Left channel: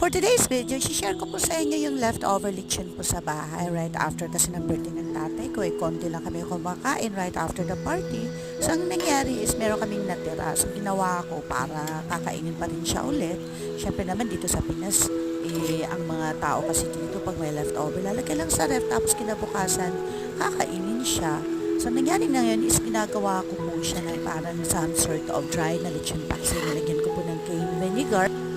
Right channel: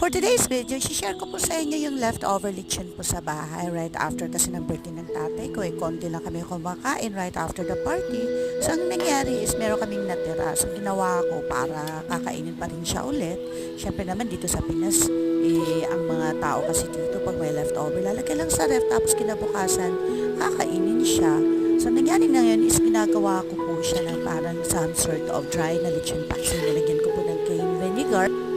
For today's video, share ko po sa inyo yung leftover lechon po sa bahay right after kasi ng birthday ng tatay ko. Konti lang kami kumakain right after the party. So, ang nangyari is meron kaming natira. So, ginawa ko para kakainin pa rin siya ulit. Siyempre naman dito sa Pinas, ang mga tao kasi dito pag may leftover, lalagyan lang sa ref tapos kinabukasan, kakainin siya. So, nangyari na yun is ginagawa ko po siya ng parang some sort of dry na lechon paksi. Nilagyan ko po ng cane vinegar.